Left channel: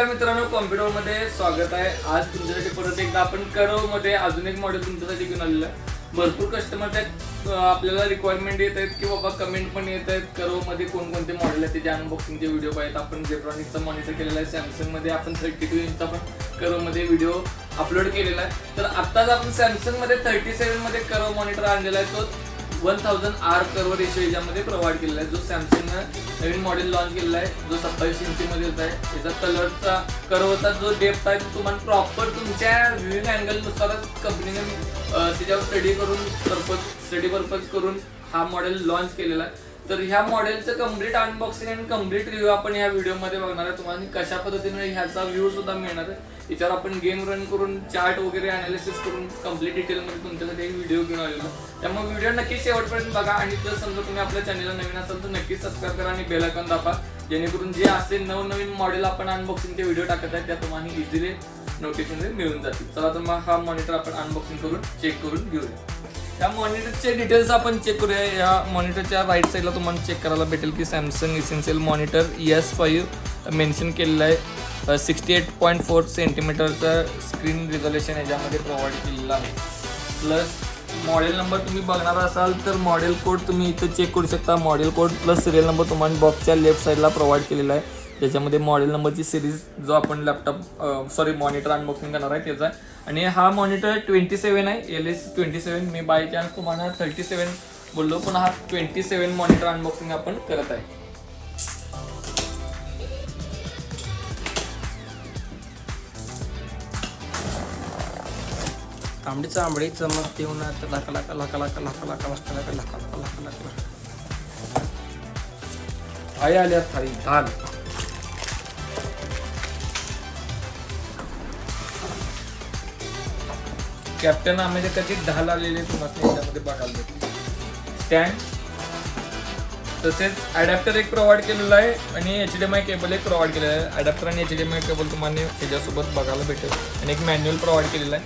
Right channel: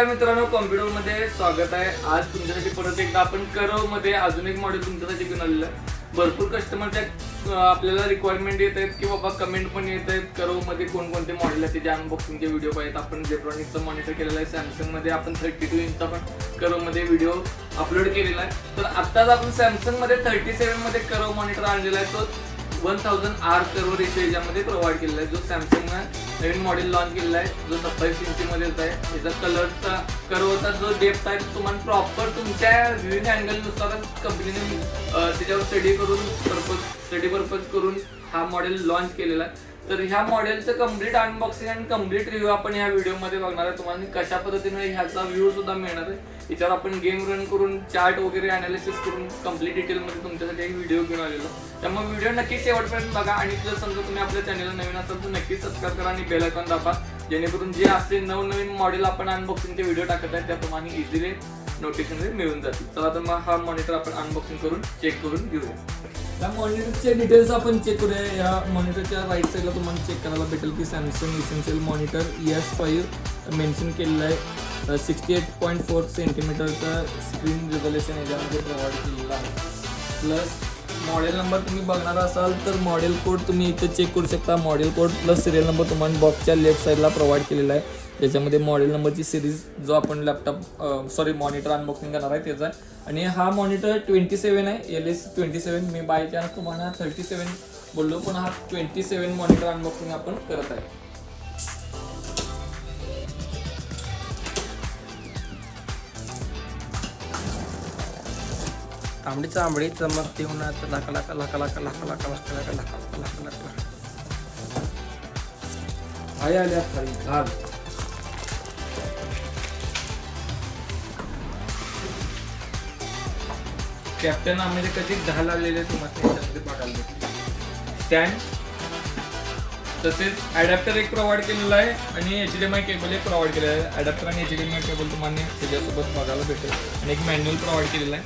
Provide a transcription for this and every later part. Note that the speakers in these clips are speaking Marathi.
नमस्कार मित्रांनो, कॉम्प्युटरमध्ये स्वागत आहे. आज तुमच्यासाठी परत एकदा आपण करवमध्ये अजून एक मॉडेल तुमच्यासाठी घेऊन आलेलं आहे. भरपूर कस्टमरच्या आपल्याला रिक्वायरमेंट येत आहेत की बाबा कमेंट पण येत आहेत करवमध्ये कोणकोणते मॉडेल आहेत त्याचे अनबॉक्सिंगचे व्हिडिओ पाहिजेत. आपण जेट्रॉनिक्सचा मॉनिटर केलेला आहे. सॅमसंगमध्ये आपण 32 इंचचा पण करवमध्ये व्हिडिओ अपलोड केलेला आहे. तर आत्ताच आपण सॅमसंगमध्ये 37 मध्ये करव मॉनिटर आणलेला आहे. तो 1000R कर्व रेशो याच्यामध्ये प्रोव्हाइड केलेला आहे. जो सॅमसंगनं नवीन मॉडेल लॉन्च केलेला आहे, जो 27 इंचमध्ये आहे. याचा कलरचा कर्वचा जो डेप्थ आहे तो तुम्हाला प्रॉपर तुमच्या व्ह्यूइंग अँगलनुसारच कंपनीने त्याच्यावर स्टडी पर्पज करून हा मॉडेल लॉन्च केलेला आहे. तर ह्या मॉडेलचं कम्प्लीट अनबॉक्सिंग आणि कम्प्लीट रिव्ह्यू आपण ह्या व्हिडिओमध्ये बघणार आहे. तुम्हाला कशा पद्धतीने ह्याचा व्ह्यू सुद्धा मिळणार आहे. याच्यावर आपण गेम रन करून चार्ट वगैरे अनालिसिस करून कम्प्लीट डिटेलमध्ये तुमच्यासाठी एक व्हिडिओ घेऊन आलेलो. त्यामुळे व्हिडिओ नक्कीच शेवटपर्यंत बघा आणि जर समजा तुम्ही आपल्या चॅनलला नवीन असाल तर नक्कीच सबस्क्राईब करा आणि बेल आयकॉन दाबा, जेणेकरून जे असले नवनवीन मॉडेल आपण अनबॉक्सिंगचे व्हिडिओ टाकत आहे त्याप्रमाणे इझिली नोटिफिकेशन मिळून जातील. चला तर मग हा मॉनिटर आपण अनबॉक्सिंग करून चेक करून घेऊया. या मॉनिटरचे डिटेल्स आपण चेक करूया. या मॉनिटरच्या राईट साईडला तुम्हाला चेक करायला भेटेल की Samsung essential monitor ES5 mention केलेलं आहे. 68.4 सेंटीमीटरचा स्क्रीन रिझोल्युशन याच्यामध्ये प्रोव्हाइड केलेला आहे. प्लस मॉडेल नंबर तुम्ही बघणार असाल तर मॉडेल कोड तुम्ही इथे चेक करू शकता. Model code plus serial number तुम्हाला बॉक्सच्या लेफ्ट साईडला प्रोव्हाइड केलेला आहे. त्याच्यामध्ये मॉडेल नंबरची सिरीज जो आपण मॉनिटर अनबॉक्सिंग करणार आहे त्याचा आहे. आणि हा मॉनिटर 27 आहे, LS27. मी बाय चान्स तुम्हाला 37 बोललो, पण हा 27 मॉनिटर अनबॉक्सिंग आपण करत आहे. तांबडी चांबडी चमकते उन्हात लाका लाका लाका लाका लाका लाका लाका लाका लाका लाका लाका आई आल्या थाळी धाल. कॅप्टन अमेरिकाची ढाल आलेली तुम्हाला याच्यामध्ये बघायला भेटते. स्टँड तसेच अडॅप्टर एक प्रोव्हाइड केलेला आहे आणि HDMI केबल एक प्रोव्हाइड केलेला आहे. अडॅप्टर आणि HDMI केबल तुम्हाला त्याच्यासोबत बघायला भेटेल आणि एक मॅन्युअल प्रोव्हाइड केलेला आहे.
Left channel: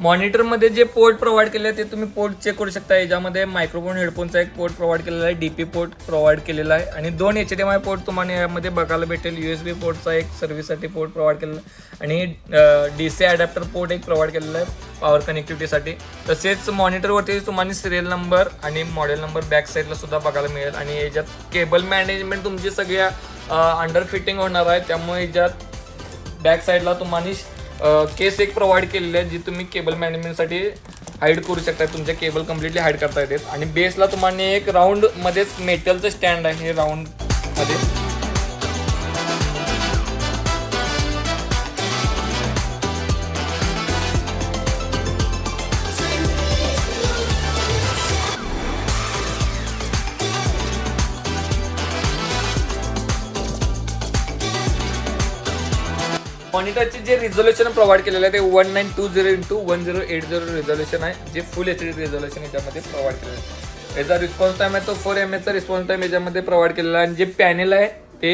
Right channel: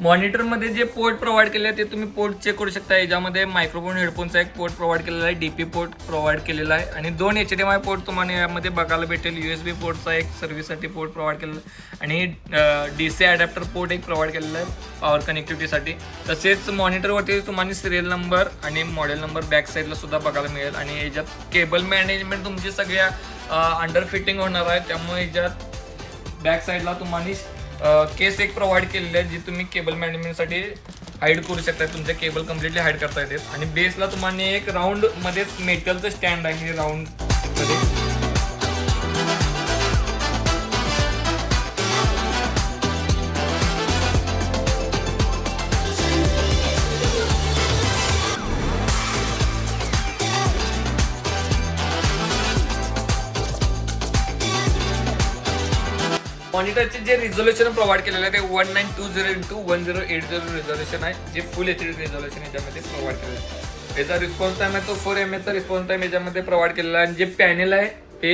मॉनिटरमध्ये जे पोर्ट प्रोव्हाइड केले ते तुम्ही पोर्ट चेक करू शकता. याच्यामध्ये मायक्रोफोन हेडफोनचा एक पोर्ट प्रोव्हाइड केलेला आहे, DP पोर्ट प्रोव्हाइड केलेला आहे आणि 2 HDMI पोर्ट तुम्हाला यामध्ये बघायला भेटेल. USB पोर्टचा एक सर्व्हिससाठी पोर्ट प्रोव्हाइड केलेला आहे आणि DC अडॅप्टर पोर्ट एक प्रोव्हाइड केलेला आहे पॉवर कनेक्टिव्हिटीसाठी. तसेच मॉनिटरवरती तुम्हाला सिरियल नंबर आणि मॉडेल नंबर बॅक साईडला सुद्धा बघायला मिळेल. आणि याच्यात केबल मॅनेजमेंट तुमची सगळ्या अंडर फिटिंग होणार आहे. त्यामुळे याच्यात बॅक साईडला तुम्हाला केस एक प्रोव्हाइड केलेले आहे जी तुम्ही केबल मॅनेजमेंटसाठी हाईड करू शकता. तुमचे केबल कम्प्लिटली हाईड करता येतात. आणि बेसला तुम्हाला एक राऊंड मध्येच मेटलचं स्टँड आहे राऊंड मध्ये. मॉनिटरचे जे रिझोल्युशन प्रोव्हाइड केलेलं आहे ते 1920x1080 रिझोल्युशन आहे, जे फुल HD रिझोल्युशन याच्यामध्ये प्रोव्हाइड केलेलं आहे. याचा रिस्पॉन्स टाइम आहे तो 4 mAh चा रिस्पॉन्स टाइम याच्यामध्ये प्रोव्हाइड केलेला आहे. आणि जे पॅनेल आहे ते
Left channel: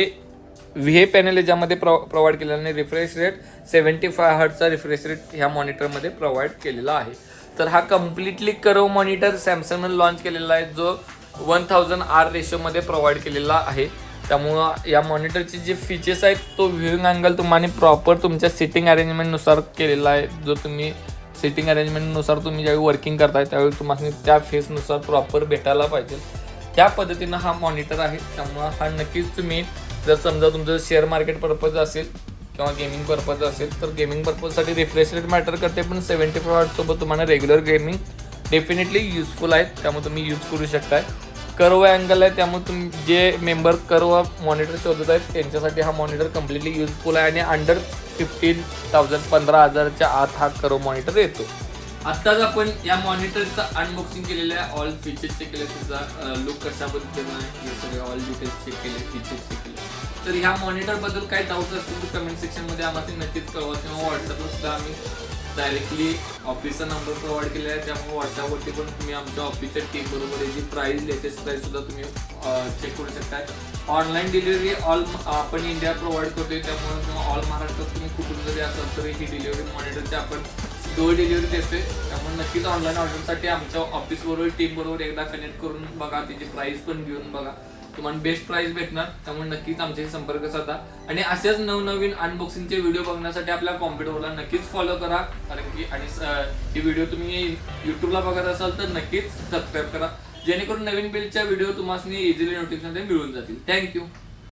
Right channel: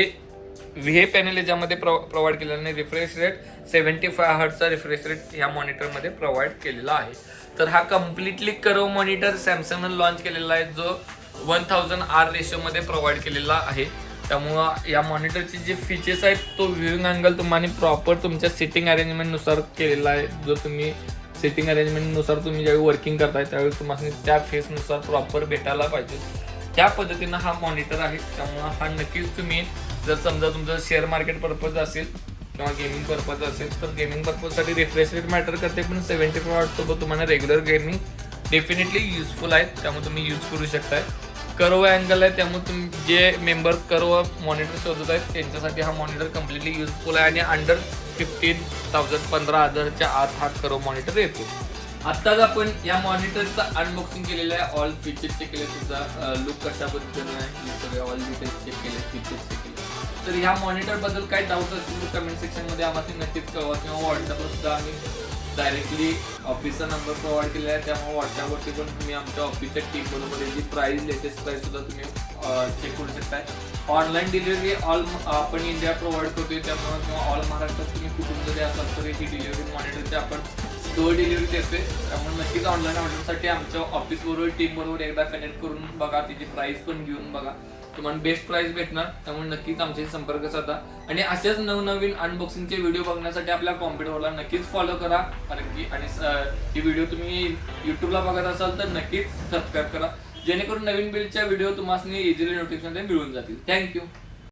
VA पॅनेल याच्यामध्ये प्रोव्हाइड केलेलं आहे. रिफ्रेश रेट 75 Hz चा रिफ्रेश रेट ह्या मॉनिटरमध्ये प्रोव्हाइड केलेला आहे. तर हा कम्प्लिटली करव मॉनिटर सॅमसंगने लॉन्च केलेला आहे, जो 1000R रेशोमध्ये प्रोव्हाइड केलेला आहे. त्यामुळं या मॉनिटरचे जे फीचर्स आहेत तो व्ह्यूइंग अँगल तुम्हाला प्रॉपर तुमच्या सिटिंग अरेंजमेंटनुसार केलेला आहे. जो तुम्ही सिटिंग अरेंजमेंटनुसार तुम्ही ज्यावेळी वर्किंग करताय त्यावेळी तुम्हाला त्या फेसनुसार प्रॉपर भेटायला पाहिजे. त्या पद्धतीनं हा मॉनिटर आहे. त्यामुळं हा नक्कीच तुम्ही जर समजा तुमचं शेअर मार्केट पर्पज असेल किंवा गेमिंग पर्पज असेल तर गेमिंग पर्पजसाठी रिफ्रेश रेट मॅटर करते, पण 75 Hz सोबत तुम्हाला रेग्युलर गेमिंग डेफिनेटली युजफुल आहेत. त्यामुळे तुम्ही यूज करू शकताय. कर्व अँगल आहे त्यामुळे तुम्ही जे मेंबर कर्व मॉनिटर शोधत आहेत त्यांच्यासाठी हा मॉनिटर कम्प्लिटली युजफुल आहे. आणि अंडर 15,000च्या आत हा कर्व मॉनिटर येतो. आत्ताच आपण या मॉनिटरचं अनबॉक्सिंग केलेलं आहे. ऑल फीचर्स चेक केले, त्याचा लुक कशा पद्धतीनं आहे हे सगळे ऑल डिटेल्स चेक केले, फीचर्स चेक केले. तर ह्या मॉनिटरबद्दल काही डाऊट्स असतील तर कमेंट सेक्शनमध्ये आम्हाला नक्कीच कळवा किंवा व्हॉट्सअपला सुद्धा आम्ही डायरेक्टली ऑफिसचा नंबर प्रोव्हाइड केला आहे. त्यामुळे व्हॉट्सअपवरती पण तुम्ही आमच्या ऑफिसच्या टीम बरोबर याची प्राइस लेटेस्ट प्राइस सुद्धा तुम्ही चेक करू शकताय. ऑनलाईन डिलिव्हरी ऑल आपण इंडिया प्रोव्हाइड करतोय. त्यामुळे किंवा ऑल महाराष्ट्रात तुम्ही कुठून जरी असाल तर ही डिलिव्हरी मॉनिटरची आपण डोअर डिलिव्हरी देते. त्यामुळे नक्कीच ऑनलाईन ऑर्डरसाठी आमच्या ऑफिसबरोबर टीमबरोबर एकदा कनेक्ट करून बघा, तिची प्राइस पण घेऊन बघा, तुम्हाला बेस्ट प्राइस भेटणार. त्यामुळे नक्कीच आमच्याशी संपर्क साधा आणि असेच नवनवीन अनबॉक्सिंगचे व्हिडिओ बघण्यासाठी आपल्या कॉम्प्युटरला नक्कीच फॉलो करा. कारण की आणि ही व्हिडिओ तुम्ही युट्यूबला बघत असाल तर नक्कीच सबस्क्राईब करा, जेणेकरून नवीन बिलच्या व्हिडिओ तुम्हाला इझिली नोटिफिकेशन मिळून जातील. थँक्यू.